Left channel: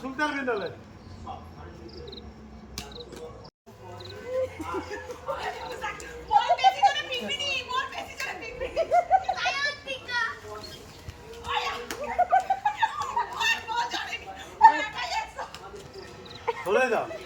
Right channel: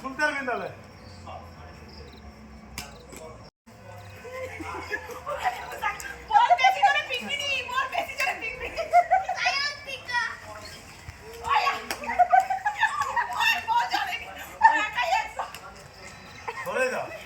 শুনতে পারবি তাহলে। বেশি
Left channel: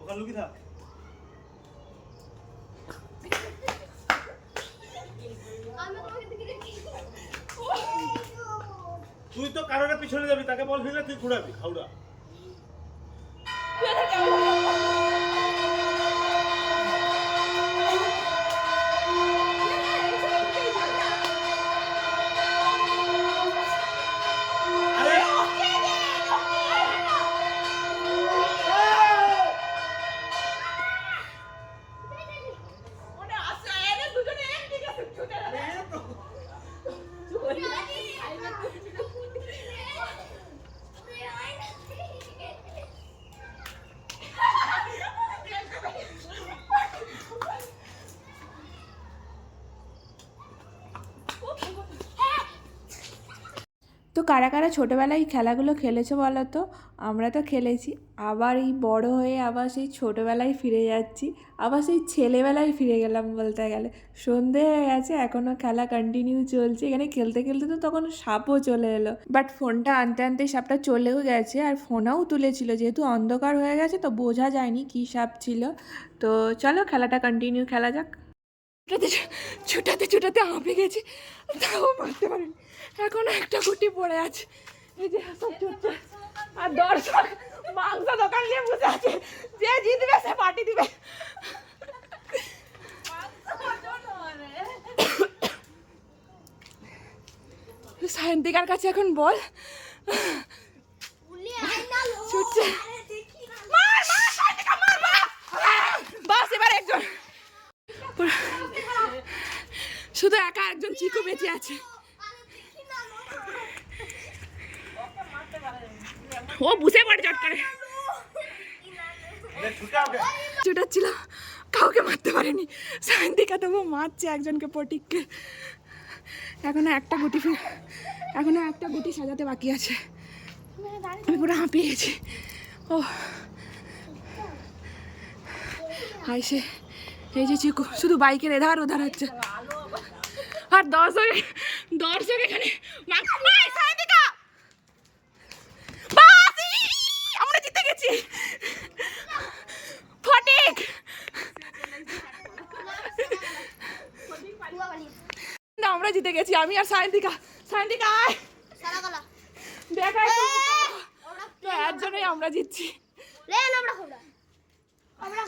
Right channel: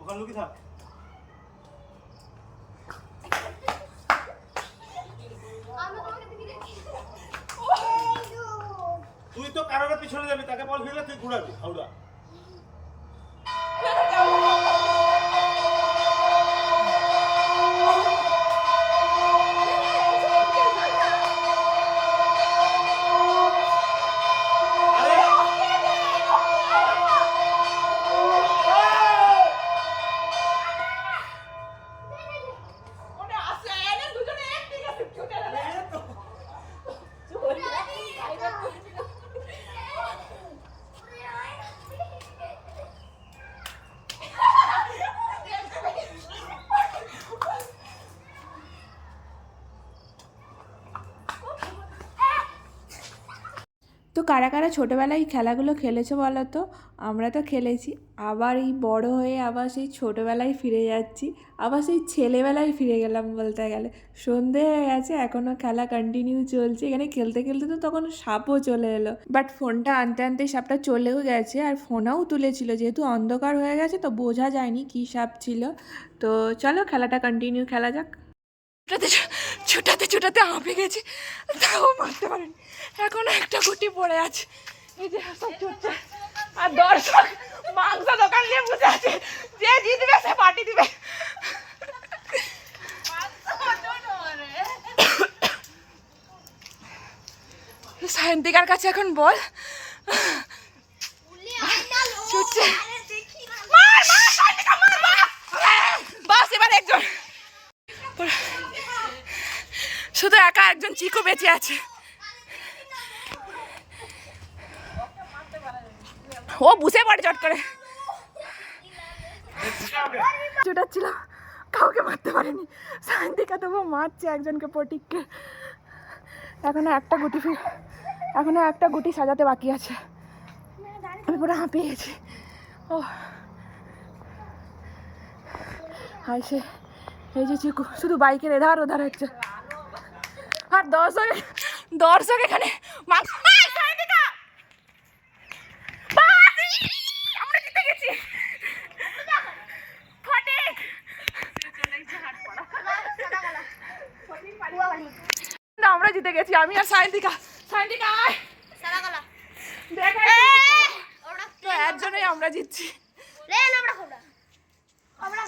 ওখানে লুকিয়ে থাক। তুই তো কারোর পিছনে যাবি তাকে বল ফিরলে তুই ঘুরাবি হাওড়া। আরে তো কারা কারা ছোটোবেলায় এই খেলাগুলো খেলেছো বলো তো? আমরা তো খেলেছি। আবার এই বড় হয়ে আবার সেই ছোটোবেলায় ফিরে যাচ্ছি। আবার সেই ছেলেবেলায় ফিরে গেলাম বলতে গেলে। সন্ধে হয়ে গেছে এখনও খেলা কন্টিনিউ চলছে। এখানে খেলতে খেলতে তো তখন সাপও চলে এলো। বাট ফোনটা আনতে আনতে সাপটা চলেও গেছে আর ফোনও তুলেছিল। যেহেতু অন্ধকার হয়ে গেছে তো বোঝা যায়নি কী সাপ ছিল। তো চলো খেলাটা কন্টিনিউ খেলা যাক। ছুটাতে ছুটাতে ছুটাতে হাঁপে গেছি। তাও মারতে পারিনি। এখনও একটা গুটি পড়ে আছে। যে সব ছুটছে আর দর্শক, মাংস দোকান নিয়ে বসে আছে। যে জিতবে, সে পার্টি দিবে। সায়ন্তিকার কাছে এখন বল। ছুটছে। বাস, এবার একজন। শুধু একা একজন চিকু বেঁচে আছে। ও বুঝে পড়ে চট করে। ছুটাচ্ছিল কাউকে মারতে পারেনি। সায়ন্তিকা তবু মারছে একজনকে পটিককে। এখনও একটা গুটি এখনও একটা গুটি সাজাতে বাকি আছে। আমি পুরো হাঁপিয়ে গেছি ও। হাই সে। এই যে চিকু, শুধু বাইকের এধার ওধার হচ্ছে। আর দর্শক দর্শক এখানে! আমরা জিতে গেছি। ফটিক! আমরা জিতে গেছি আমি আর সায়ন্তিকা সায়ন্তিকা দেখ আমরা জিতছি। আমরা